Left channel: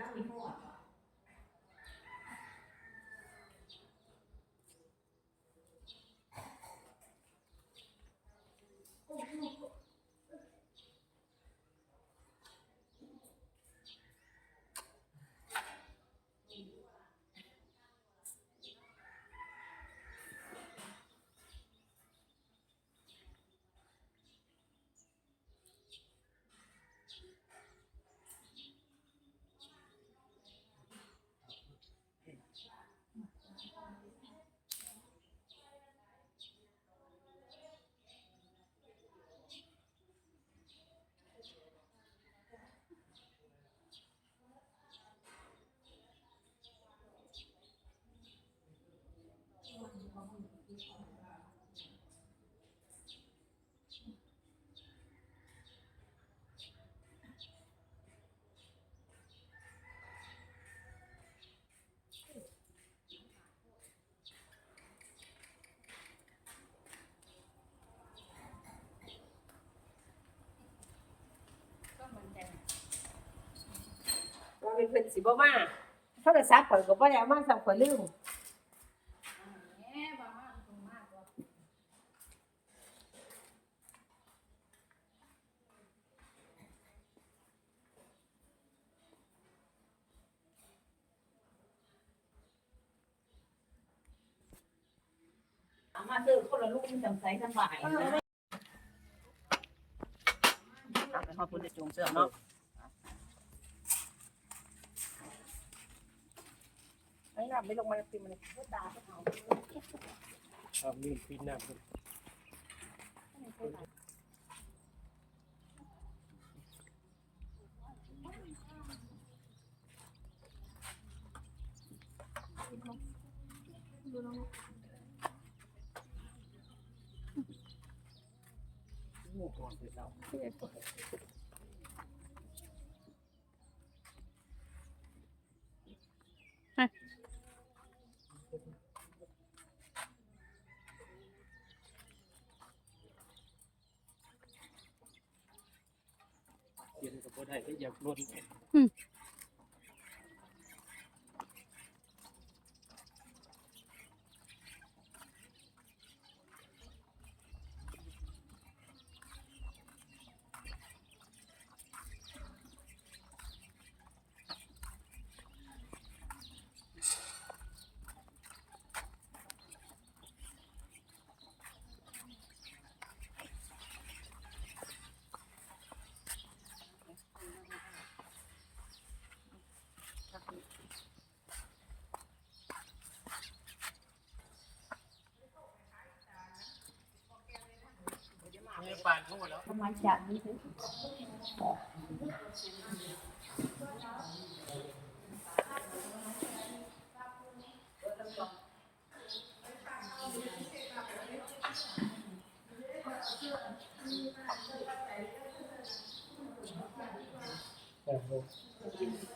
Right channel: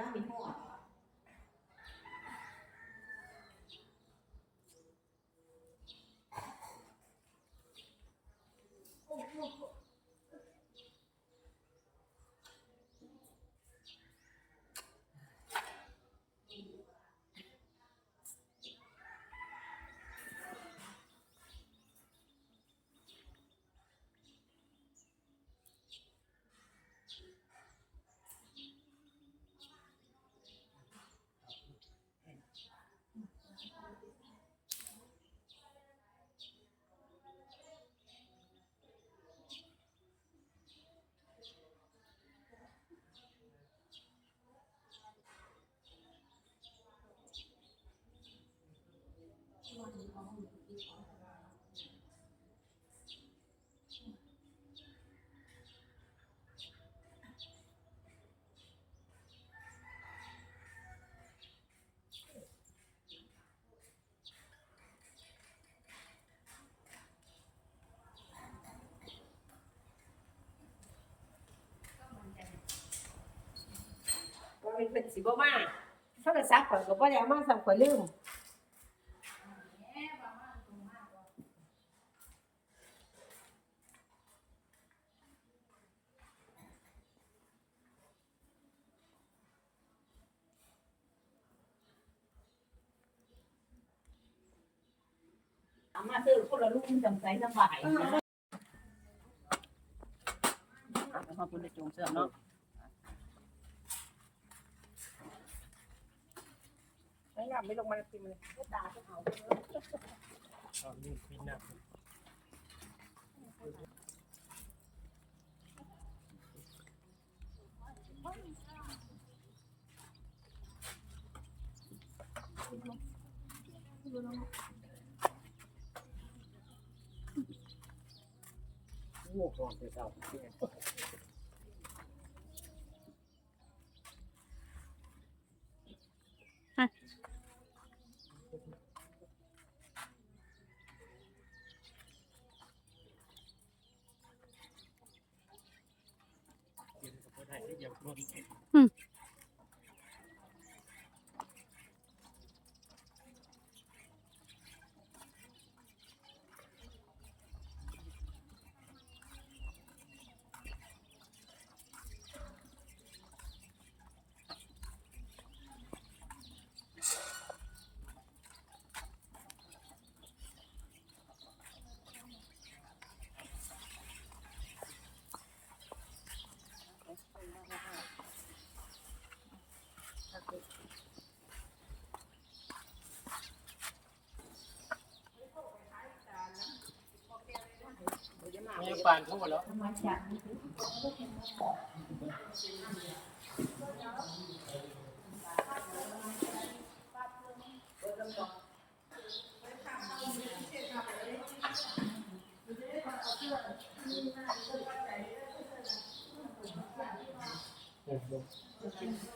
ด้า นนี้หอดเป็นเป็นสิบ่มาโทรศัพท์ข่อยก็บ่ได้เอามาสั่งข่อยลืม มาซื้อคนละลูกจังใจสบายขอบคุณในจงเสื้อเนาะไอ้งามไม่ลงมาติมันก็ตาจะเอาครับนี่ปีหน้าเป็นโอ้ก่ อนไปเจ้าที่ไหนไปเขีย นกับคนไทยที่อยากรนเนี่ยปานเขาหมดแล้ว แต่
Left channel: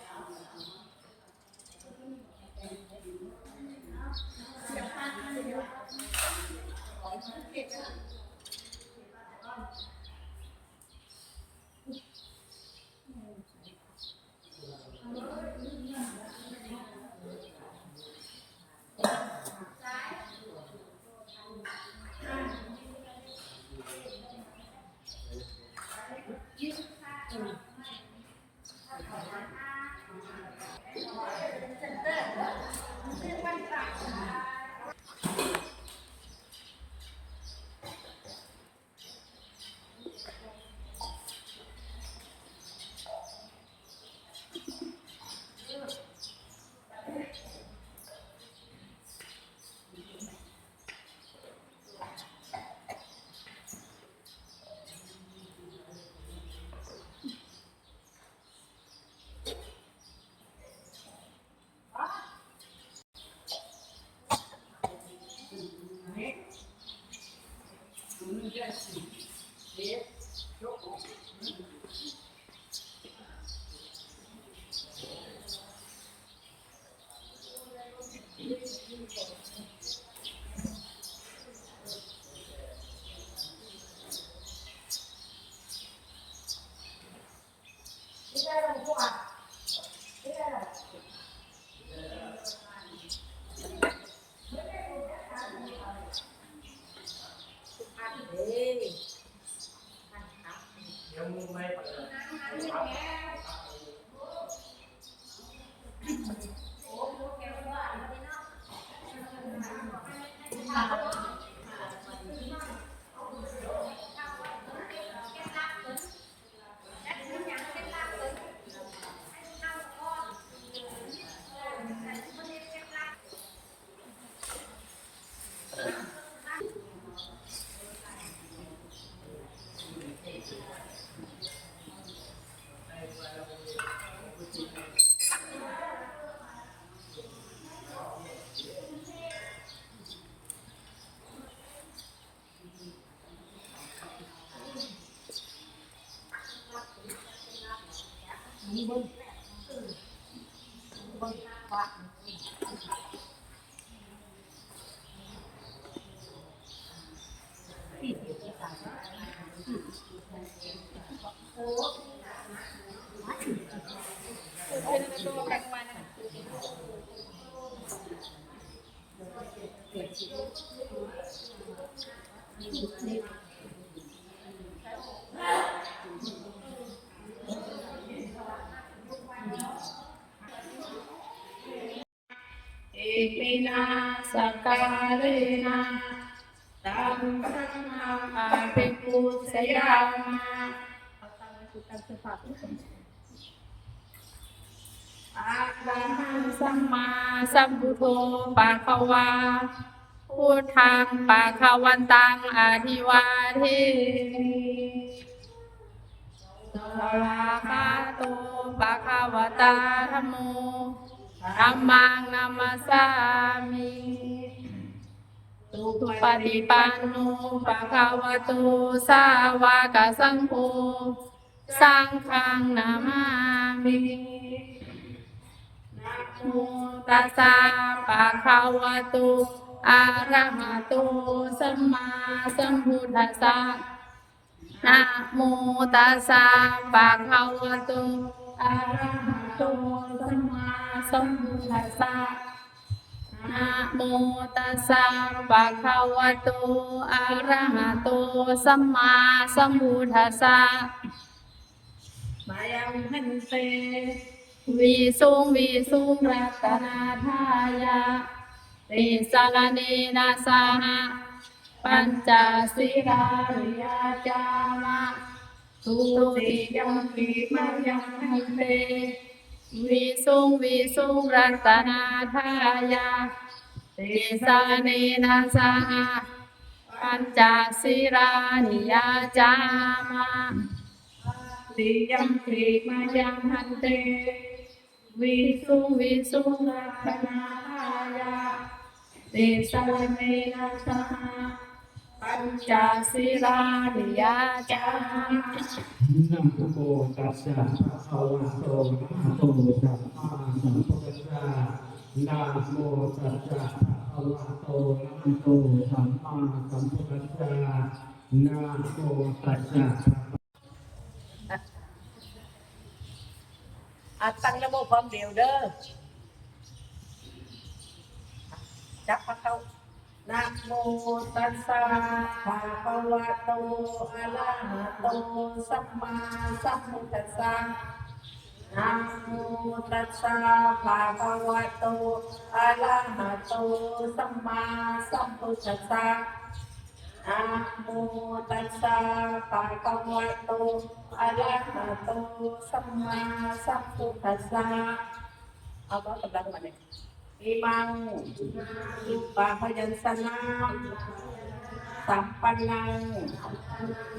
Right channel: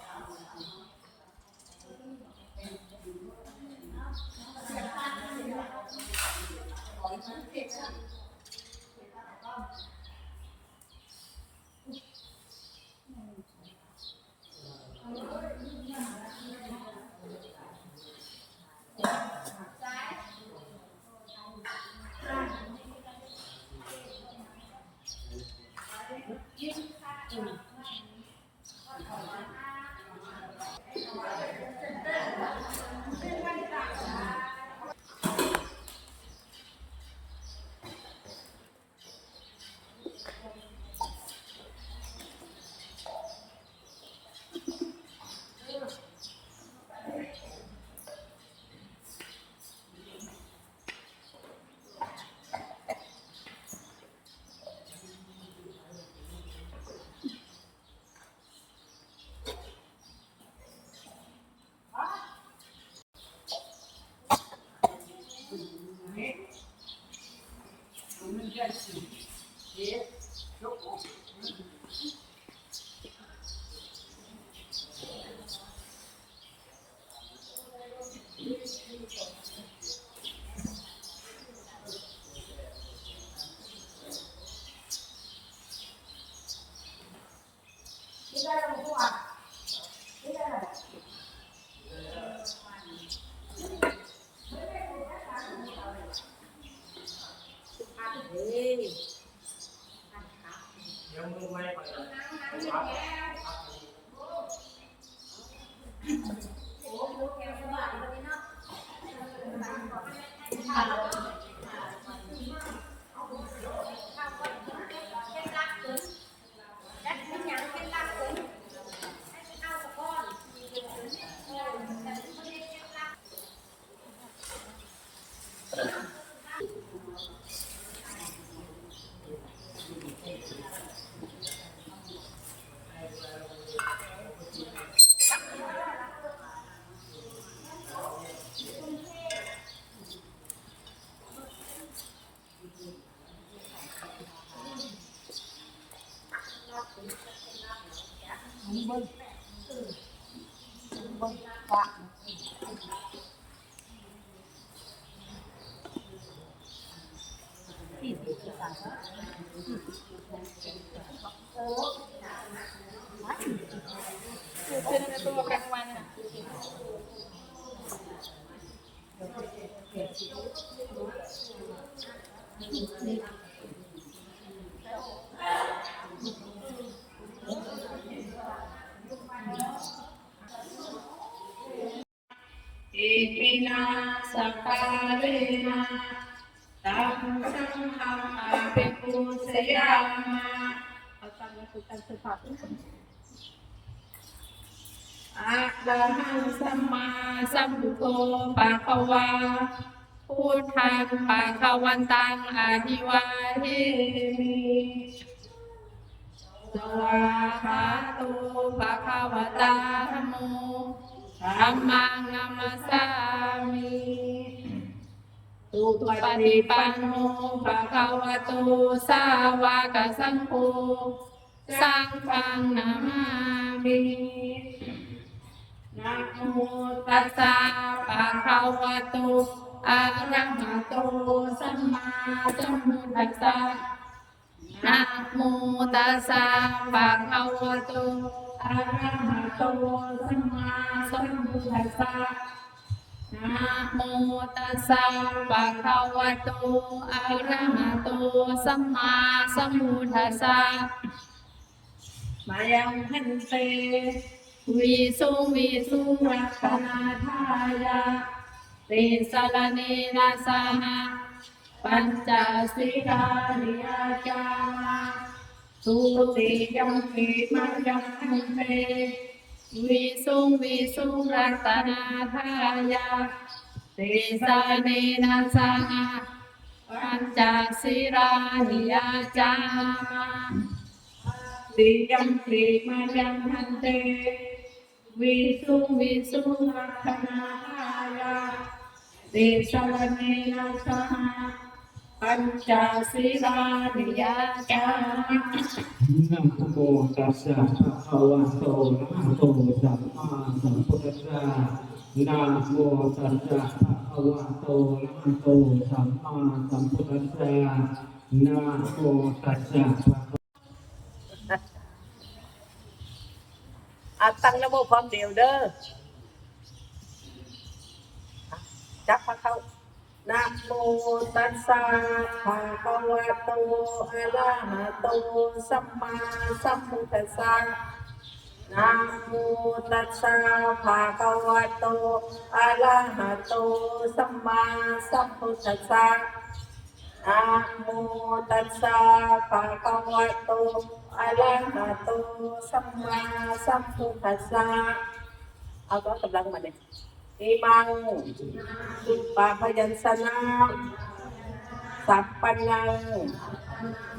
Anyway. อิมิ นาสการะนาตังสังฆาภิกขุสยามาเอาตังค์มาคือตังค์คือากทุกคนอะระหังสัมมาสัมพุทโธปะคะวาพุทธังปะคะวันตังอภิวาทิสวากขาโตปะคะวตาธัมโมธัมมังนัมมัสสามิ ปฏิปันโนปะคะวะโตสาวกสังโฆสังฆังนามามินะโมตัสสะภะคะวะโตอะระหะโตสัมมาสัมพุทธัสสะนะโมตัสสะภะคะวะโตอะระหะโตสัมมาสัมพุทธัสสะ นะโมตัสสะภะคะวะโต อะระหะโต สัมมาสัมพุทธัสสะ มายังหันเตวิสุงวิสุงรักนาทายาติสรเนนะสหะปัญจสิราริยาจามาสุติยัมปิมายังหันเต วิสุงวิสุงรัตนาทายาติสรเนนะสหะปัญจสิราริยาจามาติยัมปิมายังหันเตวิสุงวิสุงรัตนาทายาเตสรเนนะสหะ ปัญจสิรานิยาจานะโมตัสสะภะคะวะโตอะระหะโตสัมมาสัมพุทธัสสะนะโมตัสสะภะคะวะโตอะระหะโตสัมมาสัมพุทธัสสะนะโมตัสสะอาตังนะโมพร้อมเดียวเด้อจับพระเข้า นะโมตัสสะภะคะวะโตอะระหะโตสัมมาสัมพุทธัสสะนะโมตัสสะภะคะวะโตอะระหะโตสัมมาสัมพุทธัสสะนะโมตัสสะภะคะวะโตอะระหะโตสัมมาสัมพุทธัสสะเอาก็กำลังมาเนี่ย อิมังสุปาพยัญชนะสัพปัญญัง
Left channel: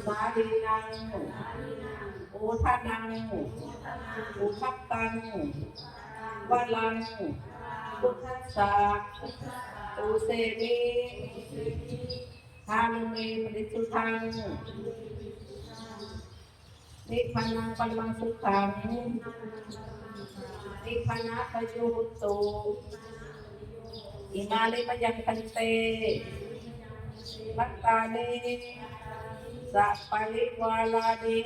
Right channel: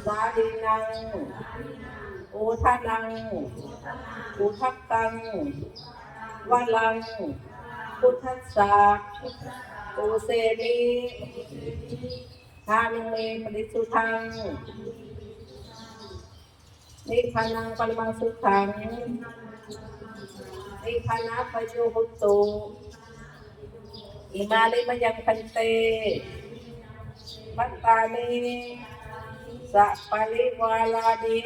สาลีนังอุทานัง อุทัปตังวะลัง พุทธัสสะอุเสนีทามิเมปริสุทังนิพพานังปรมังสุขังนิพพานะปโยหุตุ อิมาลิมยังพันเต มัตตานิสัปปะริวาลานิ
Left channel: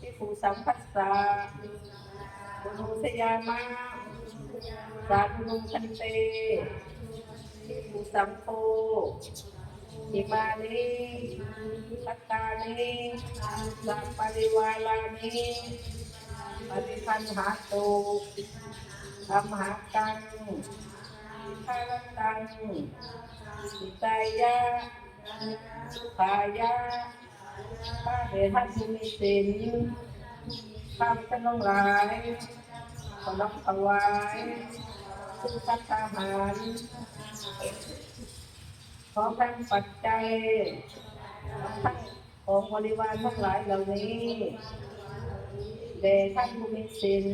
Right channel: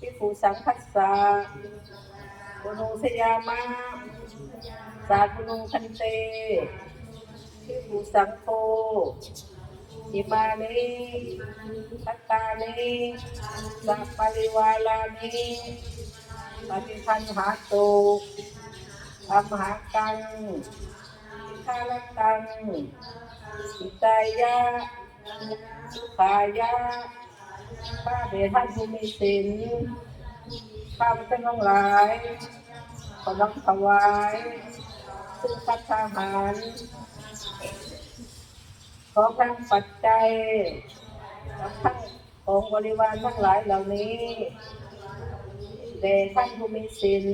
พิภูสังคัสสะปุโนสยามะสาธุนุคันเตพิภูสังโฆอิมานิปัตตานิสัพปริวาลานิปฏิคันหาตุ ธรรมหากังทาลตังอิตายะสุขายะข้าเดชท่านผู้มีศีลข้าพเจ้าทั้งหลายขอน้อมถวายซึ่งพัฒหารขอทั้งปัจจัยทั้งของบริวารทั้งหลายเหล่านี้ แด่ท่านผู้มีศีล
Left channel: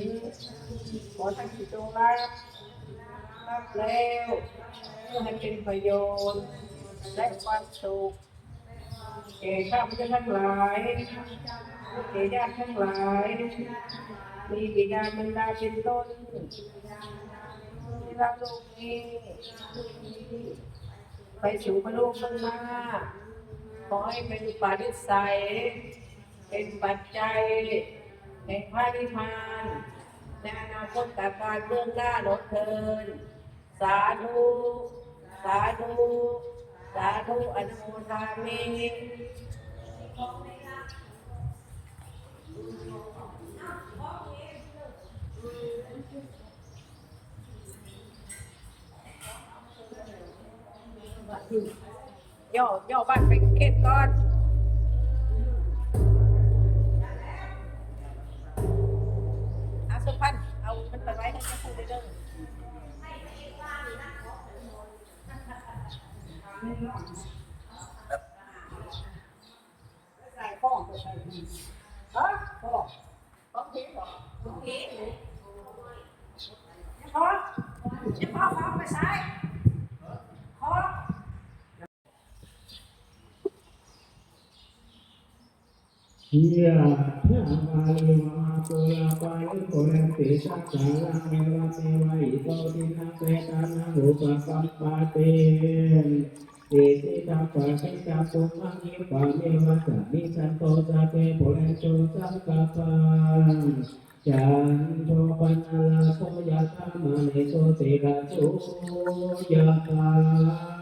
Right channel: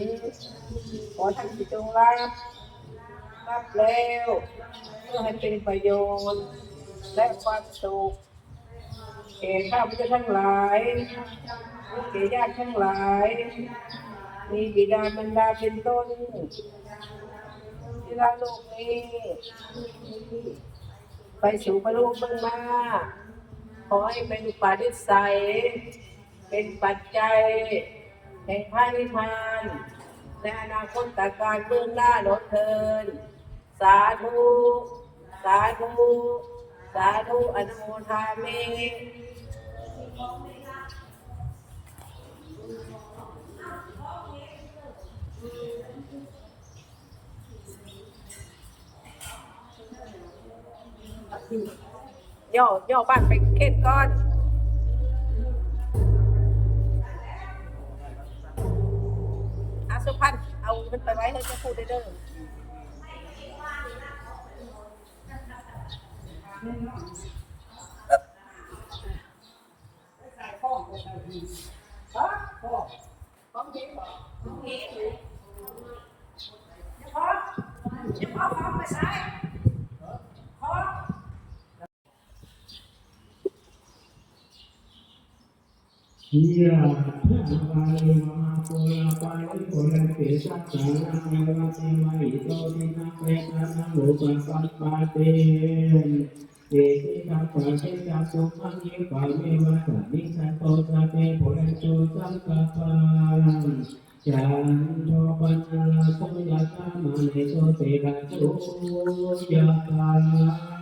ขอท่านสิจงรับ รับแล้ว เพื่อให้เป็นประโยชน์ และความสุขแก่ข้าพเจ้าทั้งหลายแก่ญาติทั้งหลาย มีบิดาบรรดาเป็นต้นที่เราโลกนี้ไปสู่พระโลกเบื้องหน้า ขอให้เป็นปาทิสัยเป็นปัจจัย แห่งพระนิพพานในอนาคตตการเบื้องหน้าหนอเทิน สาธุ สาธุ สาธุอนุโมทามิย่อย่อบ้านไปเข็ดก่อน เจ้าพูดได้เด้อพ่อพ่อไปใช้พ่อ ยะถาวาลิมาตุลาปาลิโกเรติสักขาลังเมวะเทวะอิโตทินังเปตานังอุปปัปปาเตเอติตาปะเทตาสุขังนิปะเมวะสันนิสันโตสะเตปุเรโตสังกปปันจันโทปัญญาสมยาตามาเนโตเตระโสยะตาเทวาสุสาปา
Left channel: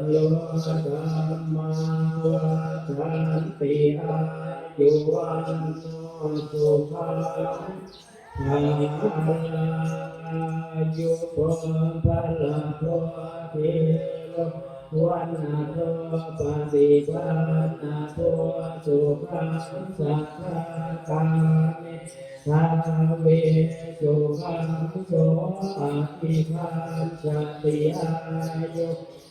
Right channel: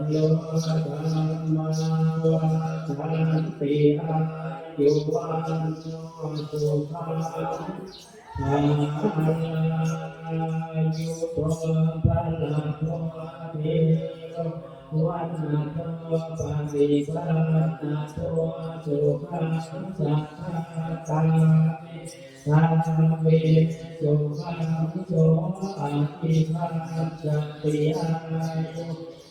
โกเตนะสะโตมาเตภาวะวันเติปายุความาวันาเตเรสานิจาวะปัจจายโนจังโลกธรรมาวาทันติอายุวันโนสุขังอายุโภภะละโภเทโลวันนาโทปฏิภาณาโทสุขังสัทธาคามิสาเวสุขังโสอาสติอายุภะคะวะภะลังวันนังสุขังจะปฏิปันโสเทวาโมติยะชายาโสภาวันตุสัพพะมังยาลาปันตุสัพพะเทวตาสัพพะพุทธานุภาเวนะสัทธาตุติภาวะตุเตนะภาสุสัพพะมังคาลาสันตุสัพพะเทวตาสัพพะธรรมานุภาเวนะสัทธาตุติภาวะตุเตนะสันนิยุ